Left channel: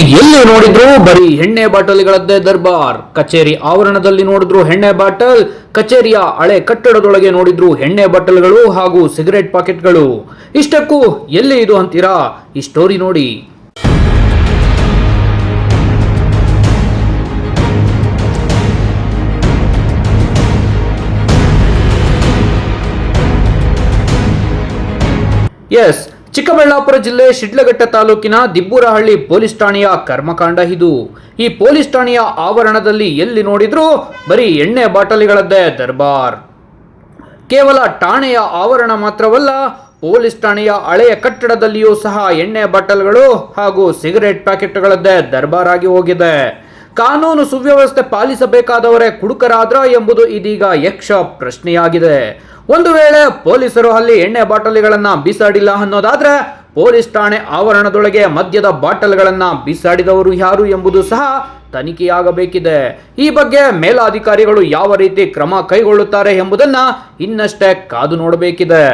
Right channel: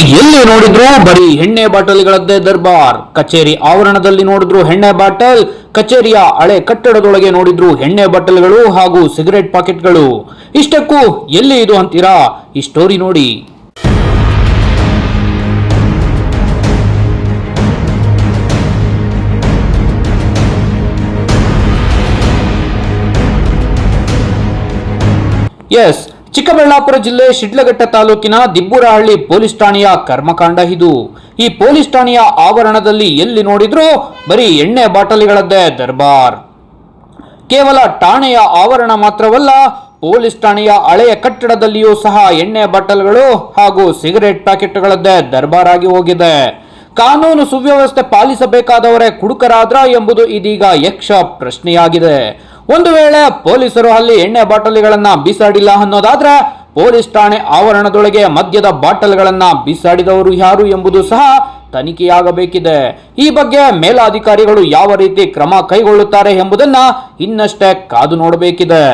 ಎಲ್ಲಿ ನೋಡಿದ್ರು ಬರೀ ಎಣ್ಣೆ ಬಾಟಲಿಗಳದ್ದೇ ದರ್ಬಾರ್. ಕಚೇರಿ ಆವರಣದಲ್ಲಿ ನೋಡಿದ್ರು ಎಣ್ಣೆ ಬಾಟಲ್, ಕಚೇರಿಯ ಹಳೆ ಕಟ್ಟಡದೊಳಗೆ ನೋಡಿದ್ರು ಎಣ್ಣೆ ಬಾಟಲ್ಗಳು ಹಾಗೂ ಸಿಗರೆಟ್ ಪಾಕೆಟ್ಗಳು. ಇಷ್ಟಕ್ಕೂ ಎಲ್ಲಿ ಇದು ಅಂತೀರಾ? ಈ ಸ್ಟೋರಿ ನೋಡಿ. ಎಸ್, ಚಿಕ್ಕಬಳ್ಳಾಪುರ ಜಿಲ್ಲೆ ಶಿಡ್ಲಘಟ್ಟ ತಾಲೂಕಿನ ದಿಬ್ಬೂರಹಳ್ಳಿ ಪೊಲೀಸ್ ಠಾಣೆಯ ಕರ್ಮಕಾಂಡ ಇದು. ಈ ಪೊಲೀಸ್ ಠಾಣೆಯ ಆವರಣದಲ್ಲಿ ಎಲ್ಲಿ ನೋಡಿದ್ರು ಬರೀ ಎಣ್ಣೆ ಬಾಟಲಿಗಳದ್ದೇ ದರ್ಬಾರ್. ಕೇವಲ ಠಾಣೆಯ ಆವರಣ ಮಾತ್ರವಲ್ಲ, ಪೊಲೀಸ್ ಠಾಣೆಯ ಹಳೆಯ ಕಟ್ಟಡದಲ್ಲಿಯೂ ಸಹ ಎಣ್ಣೆ ಬಾಟಲ್ಗಳು ಹಾಗೂ ಸಿಗರೆಟ್ ಪ್ಯಾಕೆಟ್ಗಳದ್ದೇ ದರ್ಬಾರ್ ಆಗಿ ಹೋಗಿದೆ. ಕಾನೂನು ಸುವ್ಯವಸ್ಥೆ ಪಾಲಿಸಬೇಕಾದವರೇ ಕುಡುಕರಾದ್ರ ಎಂಬುದು ಇದೀಗ ಯಕ್ಷ ಪ್ರಶ್ನೆಯಾಗಿದೆ. ಒಂದು ವೇಳೆ ಪೊಲೀಸರು ಅಲ್ಲಿ ಎಣ್ಣೆ ಬಾಟಲಿಗಳನ್ನ ಬೀಸಾಡಿಲ್ಲ ಅನ್ನೋದಾದ್ರೆ, ಪೊಲೀಸ್ ಠಾಣೆ ಆವರಣದೊಳಗೆ ಮದ್ಯದ ಬಾಟಲ್ಗಳನ್ನ ಬೀಸಾಡಿದವರು ಯಾರು ಎಂಬುದು ಸಹ ತನಿಖೆಯಾಗಬೇಕಿದೆ. ಈ ಬಗ್ಗೆ ಮೇಲಾಧಿಕಾರಿಗಳು ಯಾವ ರೀತಿ ಕ್ರಮ ಕೈಗೊಳ್ಳುತ್ತಾರೆ ಎಂಬುದನ್ನ ಇನ್ನಷ್ಟೇ ಕಾದು ನೋಡಬೇಕಿದೆ.